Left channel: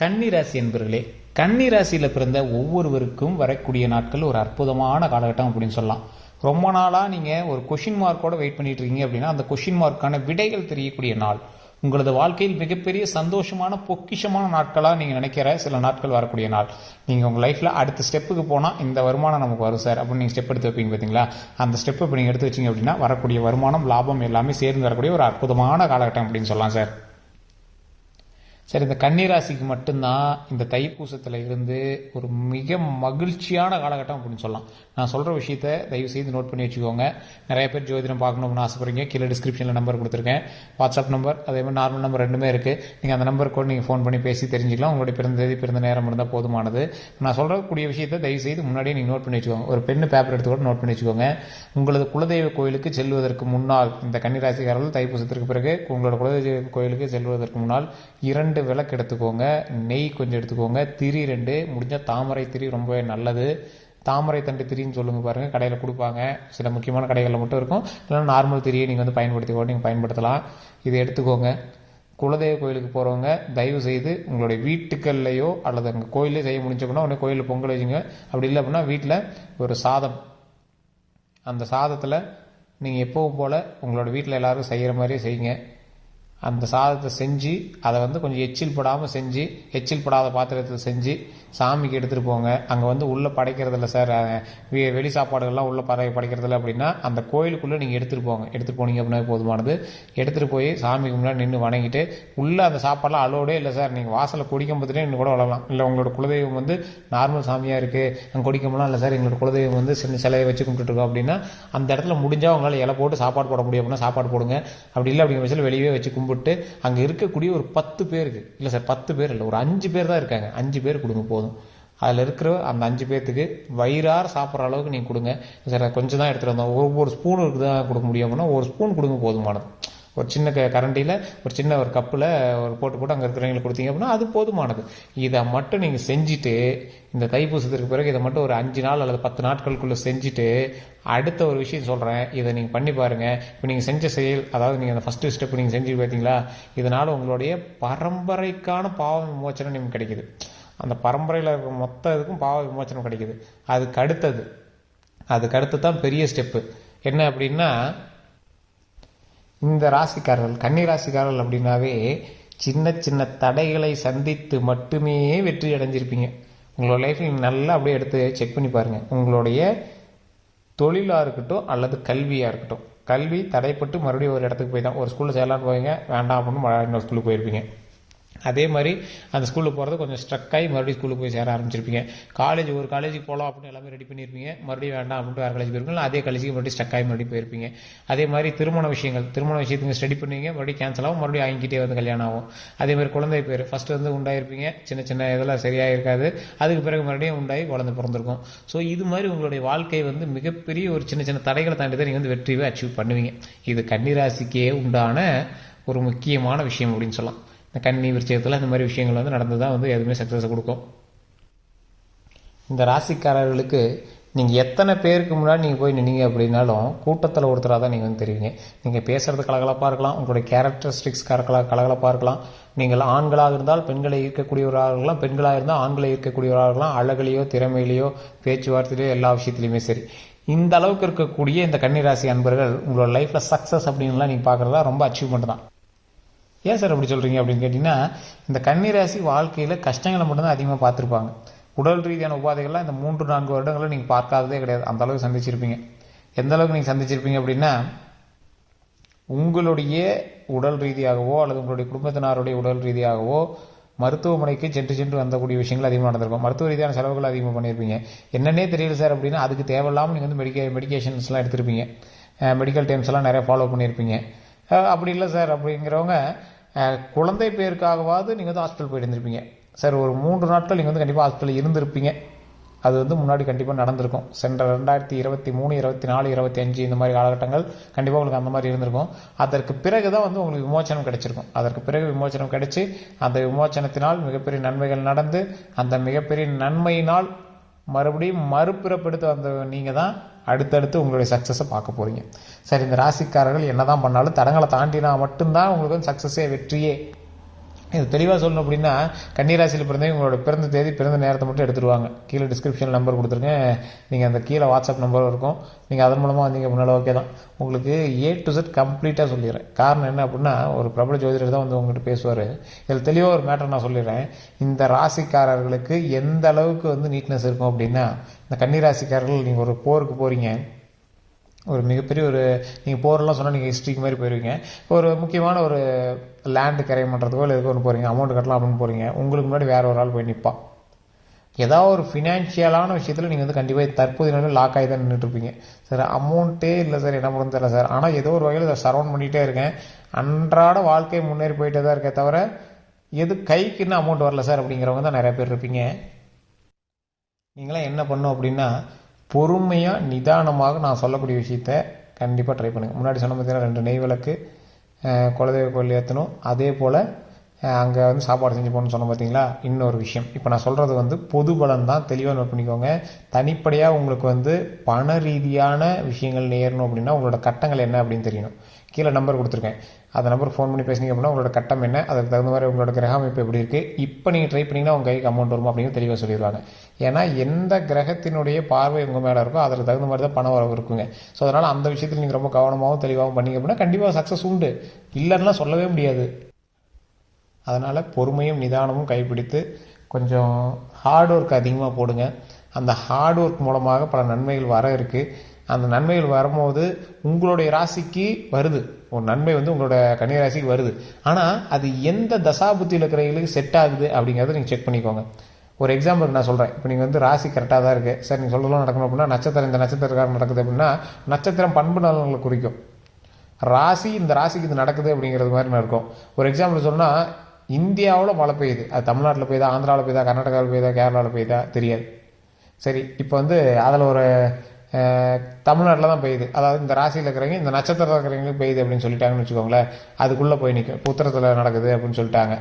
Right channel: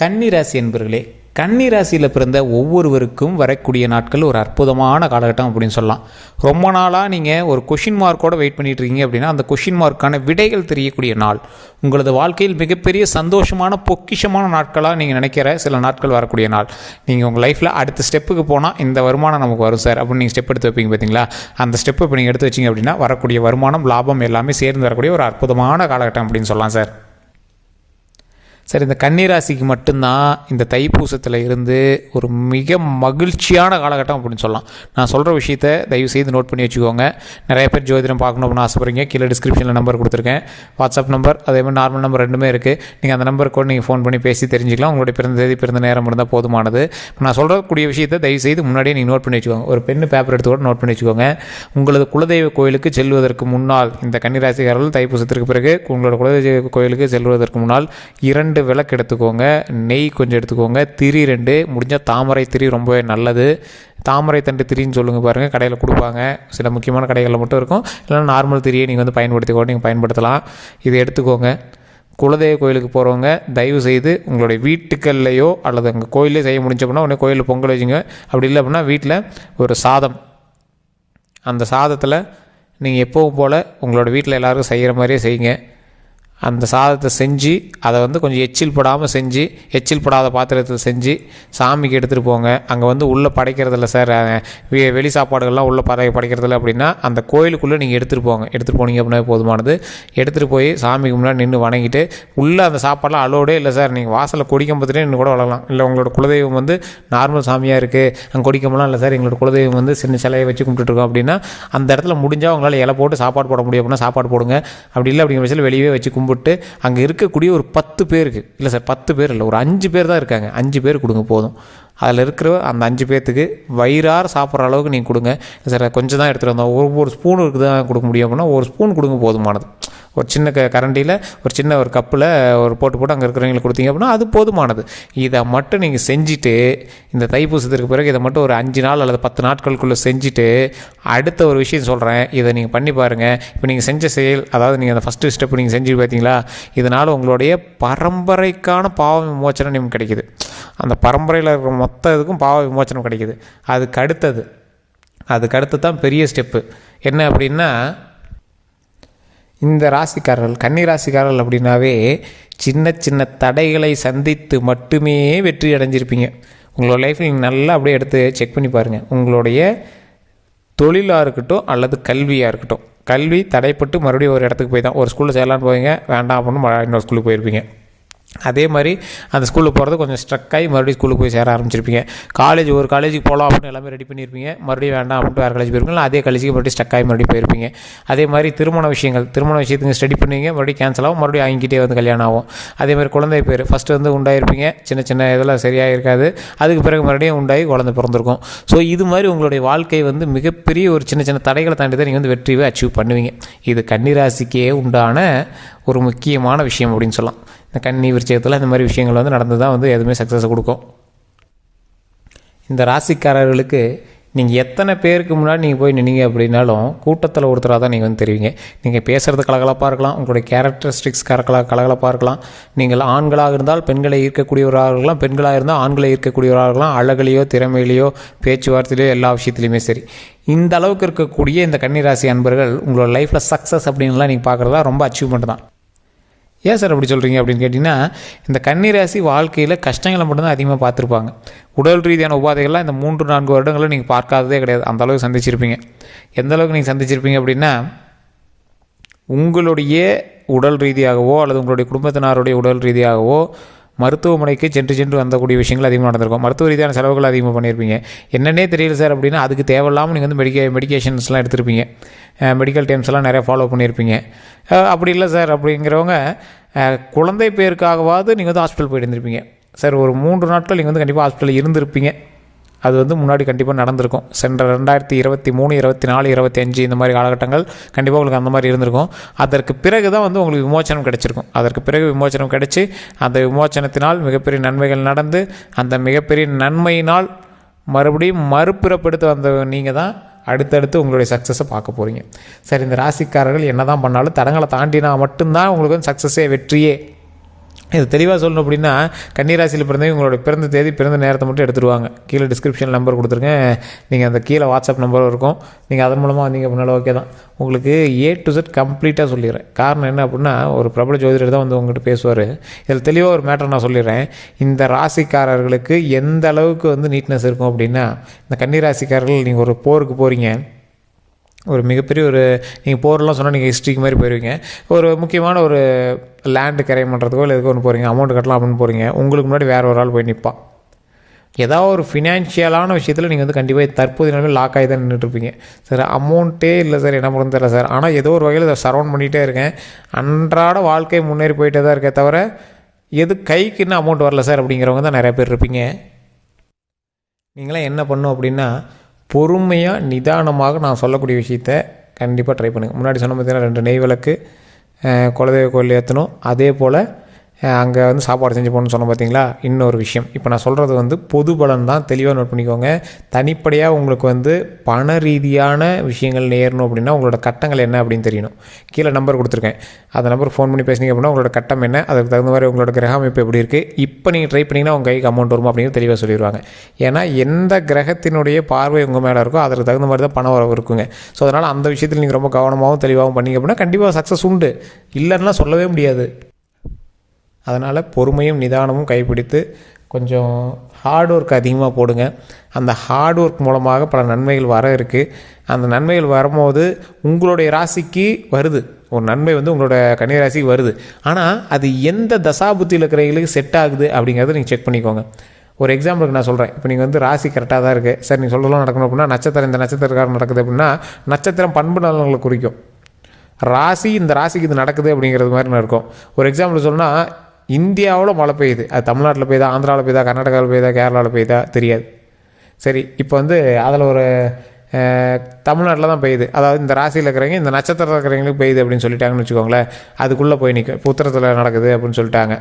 கன்னி ராசி என்பர்களே, கன்னி ராசியில் பிறந்த ஒவ்வொருவருக்கும் வரக்கூடிய நாட்கள் ஒரு அற்புதமான காலகட்டம் அப்படின்னு சொல்லலாம். ரொம்ப நாளாக நீங்கள் ஒரு கொஷின் மார்க்கோடு வெயிட் பண்ணிட்டு இருக்கீங்க அப்படின்னா அந்த கொஷின் மார்க்கான விடைகள் தெரியக்கூடிய நாள். உங்களது வாழ்க்கையில் மிகப்பெரிய சந்தோஷமான பொக்கிஷமான நாட்களாக நீங்கள் நினைக்கிற சில நாட்கள் வரக்கூடிய நாள். நீங்கள் உங்கள் லைஃப்பில் அடுத்த ஸ்டெப்புக்கு போனால் இந்த வருமானம் நமக்கு வரும் சார் அப்படின்னு நீங்கள் ஸ்டெப் எடுத்து வைப்பீங்க பார்த்தீங்களா. அந்த ஸ்டெப்பு இப்போ நீங்கள் எடுத்து வச்சிங்க அப்படின்னா வரக்கூடிய வருமானம், லாபம் எல்லாமே சேர்ந்து வரக்கூடிய ஒரு அற்புதமான காலகட்டம் அப்படின்னு சொல்லலாம் சார். சார், இந்த கன்னிராசிக்கு மட்டும்தான் இந்த தைப்பூசத்தில் இருந்து ஒரு மிக மகிழ்ச்சியான காலகட்டம் அப்படின்னு சொல்லலாம். நான் சொல்கிற விஷயத்தை தயவு செய்து நோட் பண்ணி வச்சுக்கோங்க. நிறைய பேர் ஜோதிடம் பார்க்கணும் அப்படின்னு ஆசைப்படுறீங்க. கீழே டிஸ்கிரிப்ஷனில் நம்பர் கொடுத்துருக்கேன், வாட்ஸ்அப் நம்பர், அதேமாதிரி நார்மல் நம்பர் ரெண்டுமே இருக்குது. நீங்கள் அந்த நம்பருக்கு கூட நீங்கள் ஃபோன் பண்ணி பேசி தெரிஞ்சுக்கலாம். உங்களுடைய பிறந்த தேதி, பிறந்த நேரம் இருந்தால் போதுமானது. நான் சொல்கிறக்கூடிய விஷயத்தை தயவு செய்து முன்னாடியே நீங்கள் நோட் பண்ணி வச்சுக்கோங்க. ஒரு பெண்ணு பேப்பர் எடுத்து கூட நோட் பண்ணி வச்சுக்கோங்க. உங்களது குலதெய்வ கோயிலுக்கு செல்வதற்கு முன்னால், இந்த கன்னிராசிக்காரர்கள் தைப்பூசத்திற்கு பிறகு உங்களோட குலதெய்வ கோயிலுக்கு செல்வதற்கு முன்னால் 2 விளக்கு எடுத்துக்கோங்க, நெய் கொஞ்சம் எடுத்துக்கோங்க, திரி 2, முடிஞ்சால் தாமரை திரி ரொம்பவே நல்லது. தாமரை தண்டு திரின்னு சொல்லுங்கள் பாருங்கள், கடையில் கொடுப்பாங்க. சில முக்கியமான கடைகளில் மட்டும் இருக்கும். இல்லைன்னா நார்மல் திரியை நீங்கள் வந்து பயன்படுத்திக்கோ, நீங்கள் பயன்படுத்தலாம். இதை எடுத்துக்கோங்க. குலதெய்வ கோயிலுக்கு போகிறவங்க தயவு செய்து உங்களுடைய வீட்டுக்கள்லையோ அல்லது அங்கே கோயிலே செய்ய முடிஞ்ச அப்படின்னா உடனே கோயிலில் பொங்கல் வச்சுங்க. அப்படி இல்லை அப்படின்னா வீட்டில் ஒரு சாதம், அந்த சாதத்தில் நீங்கள் எப்போவும் போல் உங்களோட வீட்டில் எல்லோரும் செய்கிற மாதிரியே செய்யுங்க. அந்த சாதத்தை செஞ்சு அதை வந்து கொஞ்சம் எச்சில் படாமல் செஞ்சு, எச்சில் படாத பாத்திரத்தில் செஞ்சு சாமிக்கு எடுத்துகிட்டு போங்க. அங்கே வந்து உள்ளே படைக்கிறதில்ல சார், வெளி சாப்பாடுகள்லாம் உள்ளே படைக்கிறதில்ல அப்படின்னா அந்த கோயிலுக்குள்ளே நீங்கள் எடுத்துகிட்டு போங்க. எடுத்துகிட்டு போனீங்க அப்படின்னா போதுமானது. எடுத்துகிட்டு போய் சாமிக்கு முன்னாடி நின்று வணங்கிட்டு, உள்ளே அந்த சாப்பாடெலாம் அலோடே இல்லை சார், நீங்கள் வாசலில் கொடிக்கம்பத்துலேயே நின்று கூட வளரலாம். இல்லை உங்களோட குலதெய்வம் வந்து நார்மல் சாமியாக இருக்குது, அங்கே கொடிக்கம்பலாம் இல்லை சார், எங்களோட குலதெய்வம் வந்து சின்ன சிலையை வச்சு கும்பிட்டுருக்கோம் அப்படின்னா அந்த இடத்துல முடிஞ்சால் உங்களால் இலை போட்டு சாப்பாடு போட முடியும் அப்படின்னா சாப்பாடு போடுங்க. அப்படி இல்லை அப்படிங்கிற பட்சத்தில் வெளியே வச்சு கும்பிட்டு அங்கே இருக்கக்கூடிய ஒரு 10 பேருக்கு, இல்லை சார் 10 பேர் இல்லை, ஒரு 5 பேர் தான் இருக்காங்க, 5 பேர் கொடுங்க போதும். அதில் இருக்கிற அந்த 5 பேர்த்துக்கு வயிறார சாப்பிட்ற அளவுக்கு நீங்கள் கொடுங்க. சார் கொஞ்சம் தான் எடுத்துகிட்டு வந்தோம், ஒரு ஸ்பூன் இருக்குது தான் கொடுக்க முடியும் அப்படின்னா ஒரு ஸ்பூன் கொடுங்க போதுமானது. ஒரு சின்ன கரண்டியில் ஒரு சின்ன ஒரு கப்பில் ஒரு போட்டு அங்கே இருக்கிறவங்களுக்கு கொடுத்தீங்க அப்படின்னா அது போதுமானது. இதை மட்டும் நீங்கள் செஞ்சுட்டு, இந்த தைப்பூசத்திற்கு பிறகு இதை மட்டும் ஒரு 5 நாள் அல்லது 10 நாட்களுக்குள்ளே செஞ்சுட்டு அடுத்த ஒரு விஷயம் சொல்கிறேன், இதை நீங்கள் பண்ணி பாருங்கள். இப்போ நீங்கள் செஞ்ச செயல், அதாவது நீங்கள் அந்த ஃபஸ்ட்டு ஸ்டெப் நீங்கள் செஞ்சு பார்த்தீங்களா, இதனால் உங்களுடைய பரம்பரைக்கான பாவ விமோச்சனம் நமக்கு கிடைக்குது. அந்த பரம்பரையில் இருக்கிற மொத்த இதுக்கும் பாவ விமோச்சனம் கிடைக்குது. அதுக்கு அடுத்து தான் பெரிய ஸ்டெப்பு என்ன அப்படின்னா, இந்த ராசிக்காரர்கள், கன்னி ராசிக்காரர்கள் அப்படின்னாவே சின்ன சின்ன தடைகளை சந்தித்து மட்டுமே வெற்றி அடைஞ்சிருப்பீங்க. உங்களோட லைஃப்பில் நீங்கள் நல்லா அப்படியே எடுத்து செக் பண்ணி பாருங்கள். உங்களுடைய தொழிலாக இருக்கட்டும் அல்லது கல்வியாக இருக்கட்டும், கல்வி தடைப்பட்டு மறுபடியும் ஒரு இடத்துக்கு போய் தான், ஒரு ஸ்கூலில் சேரலான்னு போவீங்க, வேண்டாம் அப்படின்னு இன்னொரு ஸ்கூலுக்கு போயிருப்பீங்க. அதே மாதிரி அந்த ஸ்கூலுக்கு போகிறது கொஞ்சம் ஸ்ட்ரக்காகி மறுபடியும் ஸ்கூலுக்கு போய் சேர ஆரம்பிச்சிருப்பீங்க. ஒரு காலேஜுக்கு போகலாம் அப்படின்னு எல்லாமே ரெடி பண்ணியிருப்பீங்க, மறுபடியும் வேண்டாம் அப்படின்ட்டு வேறு காலேஜ் போயிருப்பீங்க, அதே காலேஜுக்கு மறுபடியும் ஸ்ட்ரக்காகி மறுபடியும் போயிருப்பீங்க. அதே மாதிரி திருமண விஷயத்துக்கு ஸ்டடி பண்ணுவீங்க, மறுபடியும் கேன்சல் ஆகும், மறுபடியும் வாங்கிக்கிட்டே வந்து கல்யாணம் ஆகும். அதே மாதிரி குழந்தை பேர் ஃபஸ்ட்டு வந்து உண்டாயிருப்பீங்க, சின்ன சின்ன இதெல்லாம் சரியாக இருக்காது, அதுக்கு பிறகு மறுபடியும் உண்டாகி குழந்தை பிறந்திருக்கும். ஸோ இது மாதிரி உங்களுடைய வாழ்க்கை வந்து மிகப்பெரிய ஒரு சின்ன சின்ன தடைகளை தாண்டி தான் நீங்கள் வந்து வெற்றியை அச்சீவ் பண்ணுவீங்க. இது கன்னிராசிக்கே உண்டான ஒரு முக்கியமான விஷயம் அப்படின்னு சொல்லலாம். இந்த கன்னி விருச்சிகத்தில் இந்த மாதிரி விஷயங்கள் வந்து நடந்து தான் வந்து எதுவுமே சக்ஸஸை கொடுக்கும். இந்த ராசிக்காரர்களுக்கு நீங்கள் எத்தனை பேருக்கு முன்னாடி நீங்கள் போய் நின்னீங்க அப்படின்னாலும் கூட்டத்தில் ஒருத்தராக தான் நீங்கள் வந்து தெரிவிங்க. நீங்கள் பேசுகிறது கலகலப்பாக இருக்கலாம், உங்களுடைய கேரக்டரிஸ்டிக்ஸ் கலகலப்பாக இருக்கலாம். நீங்கள் ஆண்களாக இருந்தால் பெண்களை ஈர்க்கக்கூடியவராக இருக்கலாம், பெண்களாக இருந்தால் ஆண்களை ஈர்க்கக்கூடியவராக இருக்கலாம். அழகிலையோ திறமையிலையோ பேச்சுவார்த்தையிலையோ எல்லா விஷயத்துலையுமே சரி. இந்த அளவுக்கு இருக்கக்கூடிய இந்த கன்னிராசி அன்பர்கள் உங்களோட லைஃப்பில் சக்ஸஸ் அப்படின்லாம் நீங்கள் பார்க்குறதா ரொம்ப அச்சீவ்மெண்ட் தான். ஏன் சார் அப்படி சொல்கிறீங்க அப்படின்னு கேட்டிங்கன்னா, இந்த கன்னிராசி வாழ்க்கையில் கஷ்டங்களை மட்டும்தான் அதிகமாக பார்த்துருப்பாங்க. உடல் ரீதியான உபாதைகள்லாம் இந்த 3-4 வருடங்களில் நீங்கள் பார்க்காததே கிடையாது. அந்தளவுக்கு சந்திச்சிருப்பீங்க. எந்த அளவுக்கு நீங்கள் சந்திச்சிருப்பீங்க அப்படின்னா, உங்களுடைய உடல் ரீதியாகவோ அல்லது உங்களுடைய குடும்பத்தினருடைய உடல் ரீதியாகவோ மருத்துவமனைக்கு சென்று வந்தக்கூடிய விஷயங்கள் அதிகமாக நடந்திருக்கும். மருத்துவ ரீதியான செலவுகள் அதிகமாக பண்ணியிருப்பீங்க. என்னென்னே தெரியல சார் அப்படின்னா அதுக்கு தேவையில்லாமல் நீங்கள் வந்து மெடிக்கேஷன்ஸ்லாம் எடுத்திருப்பீங்க, மெடிக்கல் டைம்ஸ்லாம் நிறையா ஃபாலோ பண்ணியிருப்பீங்க. அப்படி இல்லை சார் அப்படிங்கிறவங்க குழந்தை பேருக்காகவாவது நீங்கள் வந்து ஹாஸ்பிட்டல் போயிட்டு இருந்திருப்பீங்க சார். ஒரு 3 நாட்கள் நீங்கள் வந்து கண்டிப்பாக ஹாஸ்பிட்டலில் இருந்திருப்பீங்க. அது வந்து முன்னாடி கண்டிப்பாக நடந்திருக்கும். சென்ற 2023, 24, 25 இந்த மாதிரி காலகட்டங்கள் கண்டிப்பாக உங்களுக்கு அந்த மாதிரி இருந்திருக்கும். அதற்கு பிறகு தான் வந்து உங்களுக்கு விமோச்சனம் கிடச்சிருக்கும். அதற்கு பிறகு விமோச்சனம் கிடச்சி அந்த விமோச்சனத்தினால் மிகப்பெரிய நன்மைகள் நடந்து அந்த மிகப்பெரிய நன்மையினால் மறுபடியும் மறுபிறப்படுத்த வந்த நீங்கள் தான் அடுத்தடுத்து உங்களுடைய சக்ஸஸை பார்க்க போகிறீங்க. சரி, இந்த ராசிக்காரர்கள் என்ன தான் பண்ணாலும் தடங்களை தாண்டினா மட்டும்தான் உங்களுக்கு வந்து சக்ஸஸே வெற்றியே. இது தெளிவாக சொல்லணும் அப்படின்னா, கன்னிராசியில் பிறந்தவங்க உங்களோட பிறந்த தேதி பிறந்த நேரத்தை மட்டும் எடுத்துருவாங்க. கீழே டிஸ்கிரிப்ஷன் நம்பர் கொடுத்துருக்கேன், நீங்கள் அந்த கீழே வாட்ஸ்அப் நம்பர் இருக்கும், நீங்கள் அதன் மூலமாக வந்தீங்க அப்படின்னாலும் ஓகே தான். உங்களுக்கு A to Z கம்ப்ளீட்டாக சொல்லிடுறேன். காரணம் என்ன அப்படின்னா, ஒரு பிரபல ஜோதிடர் தான் வந்து உங்கள்கிட்ட பேசுவார். இதில் தெளிவாக ஒரு மேட்டர் நான் சொல்லிடுறேன். இந்த ராசிக்காரர்களுக்கு எந்த அளவுக்கு வந்து நீட்னஸ் இருக்கும் அப்படின்னா, இந்த கன்னிராசிக்காரர்கள் நீங்கள் ஒரு போருக்கு போகிறீங்க, ஒரு மிகப்பெரிய ஒரு நீங்கள் போரெல்லாம் சொன்னால் நீங்கள் ஹிஸ்ட்ரிக்கு மாதிரி போயிடுவீங்க. ஒரு முக்கியமான ஒரு லேண்டு கரை பண்ணுறதுக்கோ இல்லை எதுக்கோ ஒன்று போகிறீங்க, அமௌண்ட் கட்டலாம் அப்படின்னு போகிறீங்க. உங்களுக்கு முன்னாடி வேறு ஒரு ஆள் போய் நிற்பான். ஏதாவது ஒரு ஃபினான்ஷியலான விஷயத்தில் நீங்கள் வந்து கண்டிப்பாக தற்போதைய நிலையில் லாக் ஆகி தான் நின்றுட்டுருப்பீங்க. சார் அமௌண்ட்டே இல்லை சார், என்ன பண்ணுறது தெரியல சார், ஆனால் ஏதோ ஒரு வகையில் அதை சரௌண்ட் பண்ணிகிட்டே இருக்கேன், அன்றாட வாழ்க்கை முன்னேறி போயிட்டே தான் இருக்கே தவிர எது கைக்குன்னு அமௌண்ட் வரல சார் அப்படிங்கிறவங்க தான் நிறையா பேர் இருப்பீங்க. நீங்களாம் என்ன பண்ணணும் அப்படின்னா, பொறுமையாக நிதானமாக நான் சொல்லக்கூடிய விஷயத்த கண்டிப்பாக ட்ரை பண்ணுங்கள். முன்னாடி சொன்ன பார்த்தீங்கன்னா 2 நெய் விளக்கு குலதெய்வ கோயில் ஏற்றணும், அதே போல் அங்கே வந்து சாப்பாடு செஞ்சு போகணுன்னு சொன்ன பார்த்தீங்களா. இன்னொரு விஷயம், இப்போ நான் சொல்கிறது வந்து பொது பலன் தான், தெளிவாக நோட் பண்ணிக்கோங்க. தனிப்படையாக உங்களுக்கு வந்து பண ரீதியான விஷயங்கள் நேரணும் அப்படின்னா உங்களோட கட்டங்கள் என்ன அப்படின்னு தெரியணும். கீழே நம்பர் கொடுத்துருக்கேன், அந்த நம்பருக்கு ஃபோன் பண்ணி பேசுனீங்க அப்படின்னா உங்களோட கட்டம் என்ன, அதுக்கு தகுந்த மாதிரி உங்களோட கிரக அமைப்பு எப்படி இருக்குது, இப்போ நீங்கள் ட்ரை பண்ணிங்கன்னா உங்கள் கைக்கு அமௌண்ட் வருமா அப்படிங்கிறது தெளிவாக சொல்லிடுவாங்க. ஏன்னா எந்த கிரகத்தினுடைய பார்வை உங்கள் மேலே இருக்கோ அதற்கு தகுந்த மாதிரி தான் பணம் வரவு இருக்குங்க. ஸோ அதனால் அந்த விஷயத்தில் நீங்கள் ரொம்ப கவனமாகவும் தெளிவாகவும் பண்ணிங்க அப்படின்னா கண்டிப்பாக சக்ஸஸ் உண்டு, இல்லைன்னா சொல்லவே முடியாது. அதனால் பொறுமையும் நிதானமும் கைப்பிடித்து கொஞ்சம் ஹார்ட் ஒர்க் அதிகமாக போடுங்க. அந்த ஹார்ட் ஒர்க் மூலமாக பல நன்மைகள் வர இருக்குது. அந்த நன்மைகள் வரும்போது உங்களுடைய ராசிக்கு வருது, ஒரு நன்மை வந்து உங்களோட கன்னி ராசிக்கு வருது. ஆனால் அது எந்த தசாபுத்தியில் இருக்கிறவங்களுக்கு செட் ஆகுது அப்படிங்கிறத நீங்கள் செக் பண்ணிக்கோங்க. ஒரு எக்ஸாம்பிளுக்கு நான் சொல்கிறேன், இப்போ நீங்கள் வந்து ராசி கரெக்டாக தான் இருக்குது சார், நீங்கள் சொல்லலாம் நடக்கணும் அப்படின்னா நட்சத்திரம் இந்த நட்சத்திரக்காரன் நடக்குது அப்படின்னா நட்சத்திரம் பண்பு நலன்களை குறிக்கும். ராசி இந்த ராசிக்கு இது நடக்குது அப்படிங்கிறது மாதிரி இருக்கும். ஒரு எக்ஸாம்பிள் சொன்னால், இந்தியாவில் மழை பெய்யுது, அது தமிழ்நாட்டில் பெய்யுதா, ஆந்திராவில் பெய்யுதா, கர்நாடகாவில் பெய்யுதா, கேரளாவில் பெய்யுதா தெரியாது. சரி, இப்போ வந்து அதில் ஒரு தமிழ்நாட்டில் தான் பெய்யுது, அதாவது இந்த ராசியில் இருக்கிறவங்க இந்த நட்சத்திரத்தில் இருக்கிறவங்களுக்கு பெய்யுது அப்படின்னு சொல்லிட்டாங்கன்னு வச்சுக்கோங்களேன், அதுக்குள்ளே போய் நிற்கும். இப்போ உத்தரத்தில் நடக்குது அப்படின்னு சொல்லிட்டாங்க,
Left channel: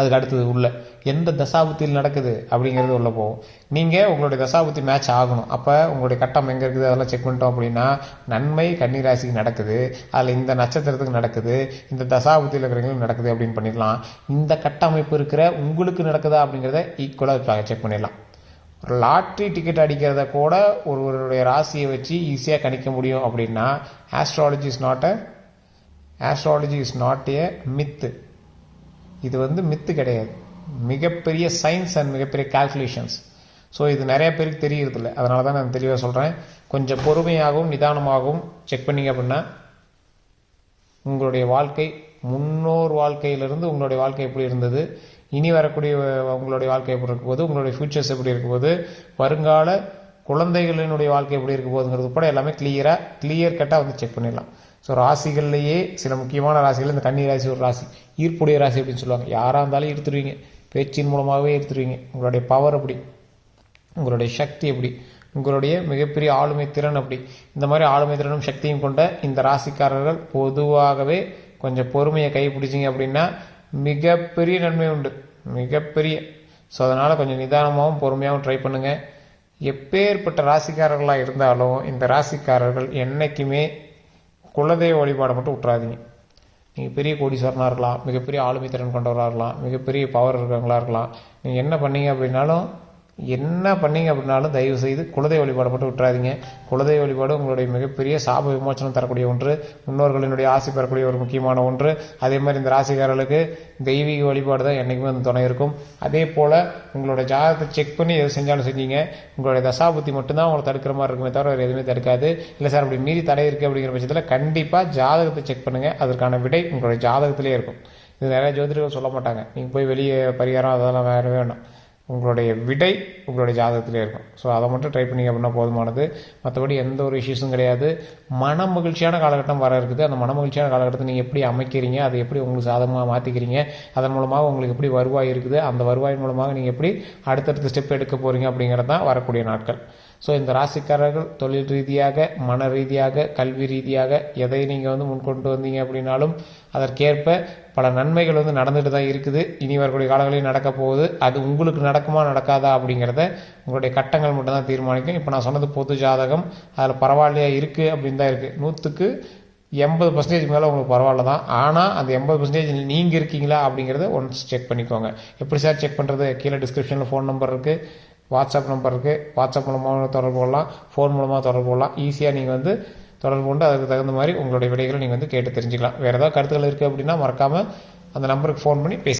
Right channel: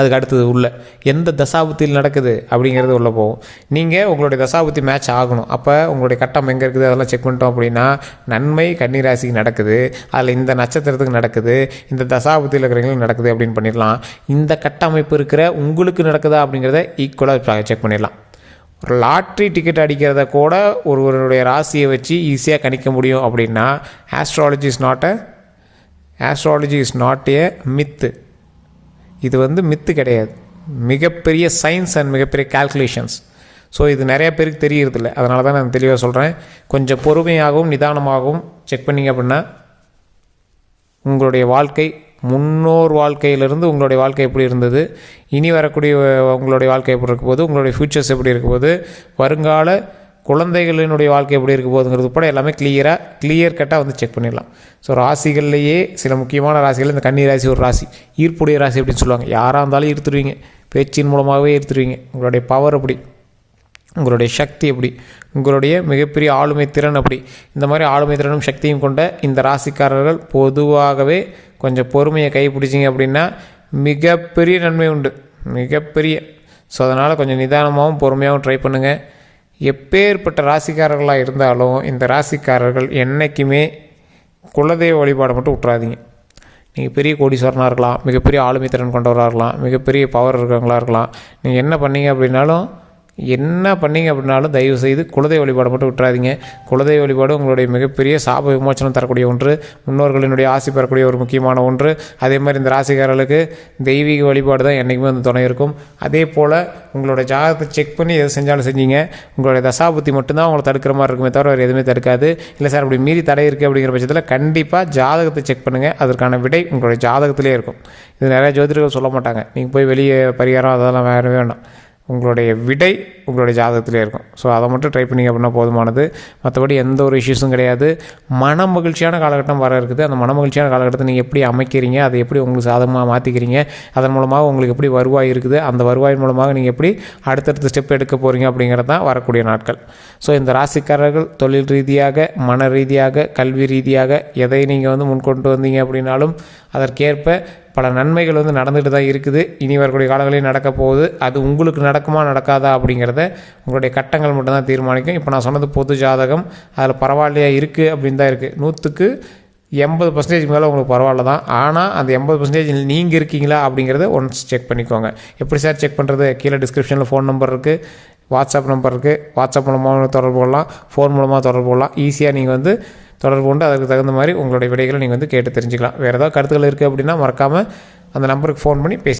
அதுக்கு அடுத்தது உள்ள எந்த தசாபுத்தியில் நடக்குது அப்படிங்கிறது உள்ளே போகும். நீங்கள் உங்களுடைய தசாபுத்தி மேட்ச் ஆகணும். அப்போ உங்களுடைய கட்டம் எங்கே இருக்குது அதெல்லாம் செக் பண்ணிட்டோம் அப்படின்னா, நன்மை கன்னிராசிக்கு நடக்குது, அதில் இந்த நட்சத்திரத்துக்கு நடக்குது, இந்த தசாபுத்தியில் இருக்கிறவங்களுக்கு நடக்குது அப்படின்னு பண்ணிடலாம். இந்த கட்டமைப்பு இருக்கிற உங்களுக்கு நடக்குதா அப்படிங்கிறத ஈக்குவலாக செக் பண்ணிடலாம். ஒரு லாட்ரி டிக்கெட் அடிக்கிறத கூட ஒருவருடைய ராசியை வச்சு ஈஸியாக கணிக்க முடியும் அப்படின்னா astrology is not a Mithu. இது வந்து மித்து கிடையாது, மிகப்பெரிய சயின்ஸ் அண்ட் மிகப்பெரிய கால்குலேஷன்ஸ். ஸோ இது நிறைய பேருக்கு தெரியறதில்ல, அதனால தான் நான் தெளிவாக சொல்கிறேன். கொஞ்சம் பொறுமையாகவும் நிதானமாகவும் செக் பண்ணிங்க அப்படின்னா உங்களுடைய வாழ்க்கை, முன்னோர் வாழ்க்கையிலிருந்து உங்களுடைய வாழ்க்கை எப்படி இருந்தது, இனி வரக்கூடிய உங்களுடைய வாழ்க்கை எப்படி இருக்க போது, உங்களுடைய ஃப்யூச்சர்ஸ் எப்படி இருக்க போது, வருங்கால குழந்தைகளினுடைய வாழ்க்கை எப்படி இருக்க போகுதுங்கிறது கூட எல்லாமே கிளியர் கட்டாக வந்து செக் பண்ணிடலாம். ஸோ ராசிகள்லேயே சில முக்கியமான ராசிகள், இந்த கன்னி ராசி ஒரு ராசி, ஈர்ப்புடைய ராசி அப்படின்னு சொல்லுவாங்க. யாராக இருந்தாலும் ஈர்த்துருவீங்க, பேச்சின் மூலமாகவே ஈர்த்துருவீங்க. உங்களுடைய பவர் அப்படி, உங்களுடைய சக்தி எப்படி, உங்களுடைய மிகப்பெரிய ஆளுமை திறன் அப்படி. இந்த மாதிரி ஆளுமை திறனும் சக்தியும் கொண்ட இந்த ராசிக்காரர்கள் பொதுவாகவே கொஞ்சம் பொறுமையை கைப்பிடிச்சிங்க அப்படின்னா மிகப்பெரிய நன்மை உண்டு, மிகப்பெரிய. ஸோ அதனால் கொஞ்சம் நிதானமாகவும் பொறுமையாகவும் ட்ரை பண்ணுங்கள். எப்பேற்பட்ட ராசிக்காரர்களாக இருந்தாலும் இந்த ராசிக்காரர்கள் என்றைக்குமே குலதெய்வ வழிபாடை மட்டும் விட்றாதீங்க. நீங்கள் பெரிய கோடீஸ்வரனாக இருக்கலாம், மிகப்பெரிய ஆளுமை திறன் கொண்டவராக இருக்கலாம், மிகப்பெரிய பவர் இருக்கிறவங்களாக இருக்கலாம், நீங்கள் என்ன பண்ணீங்க அப்படின்னாலும் தயவு செய்து குலதெய்வ வழிபாடை மட்டும் விட்டுறாதீங்க. குலதெய்வ வழிபாடு உங்களுடைய மிகப்பெரிய சாப விமோச்சனம் தரக்கூடிய ஒன்று, முன்னோர்களினுடைய ஆசி பெறக்கூடிய ஒரு முக்கியமான ஒன்று. அதே மாதிரி இந்த ராசிக்காரர்களுக்கு தெய்வீக வழிபாடு தான் என்றைக்குமே வந்து துணை இருக்கும். அதே போல் உங்களோட ஜாதகத்தை செக் பண்ணி எது செஞ்சாலும் செஞ்சீங்க, உங்களுடைய தசாபுத்தி மட்டும்தான் உங்களை தடுக்கிற மாதிரி இருக்குமே தவிர வேறு எதுவுமே தடுக்காது. இல்லை சார் அப்படி மீறி தடை இருக்குது அப்படிங்கிற பட்சத்தில் கண்டிப்பாக ஜாதகத்தை செக் பண்ணுங்கள், அதற்கான விடை உங்களுடைய ஜாதகத்திலே இருக்கும். இது நிறைய ஜோதிடர்கள் சொல்ல மாட்டாங்க, நீங்கள் போய் வெளியே பரிகாரம் அதெல்லாம் வேறு வேண்டாம், உங்களுடைய விடை உங்களுடைய ஜாதகத்திலே இருக்கும். ஸோ அதை மட்டும் ட்ரை பண்ணிங்க அப்படின்னா போதுமானது. மற்றபடி எந்த ஒரு இஷ்யூஸும் கிடையாது. மன மகிழ்ச்சியான காலகட்டம் வர இருக்குது. அந்த மன மகிழ்ச்சியான காலகட்டத்தை நீங்கள் எப்படி அமைக்கிறீங்க, அதை எப்படி உங்களுக்கு சாதகமாக மாற்றிக்கிறீங்க, அதன் மூலமாக உங்களுக்கு எப்படி வருவாய் இருக்குது, அந்த வருவாய் மூலமாக நீங்கள் எப்படி அடுத்தடுத்த ஸ்டெப் எடுக்க போகிறீங்க அப்படிங்கிறது தான் வரக்கூடிய நாட்கள். ஸோ இந்த ராசிக்காரர்கள் தொழில் ரீதியாக, மன ரீதியாக, கல்வி ரீதியாக எதை நீங்கள் வந்து முன்கொண்டு வந்தீங்க அப்படின்னாலும் அதற்கேற்ப பல நன்மைகள் வந்து நடந்துட்டு தான் இருக்குது. இனி வரக்கூடிய காலங்களில் நடக்க போகுது. அது உங்களுக்கு நடக்குமா நடக்காதா அப்படிங்கிறத உங்களுடைய கட்டங்கள் மட்டும்தான் தீர்மானிக்கும். இப்போ நான் சொன்னது பொது ஜாதகம், அதில் பரவாயில்லையா இருக்குது அப்படின்னு தான் இருக்குது. 100க்கு 80% மேலே உங்களுக்கு பரவாயில்ல தான். ஆனால் அந்த 80% நீங்கள் இருக்கீங்களா அப்படிங்கிறத ஒன்ஸ் செக் பண்ணிக்கோங்க. எப்படி சார் செக் பண்ணுறது? கீழே டிஸ்கிரிப்ஷனில் ஃபோன் நம்பர் இருக்குது, வாட்ஸ்அப் நம்பர் இருக்குது. வாட்ஸ்அப் மூலமாக தொடர்பு கொள்ளலாம், ஃபோன் மூலமாக தொடர்பு கொள்ளலாம். ஈஸியாக நீங்கள் தொடர்பு கொண்டு அதுக்கு தகுந்த மாதிரி உங்களுடைய விடைகளை நீங்கள் கேட்டு தெரிஞ்சுக்கலாம். வேறு ஏதாவது கருத்துக்கள் இருக்குது அப்படின்னா மறக்காமல் அந்த நம்பருக்கு ஃபோன் பண்ணி பேசி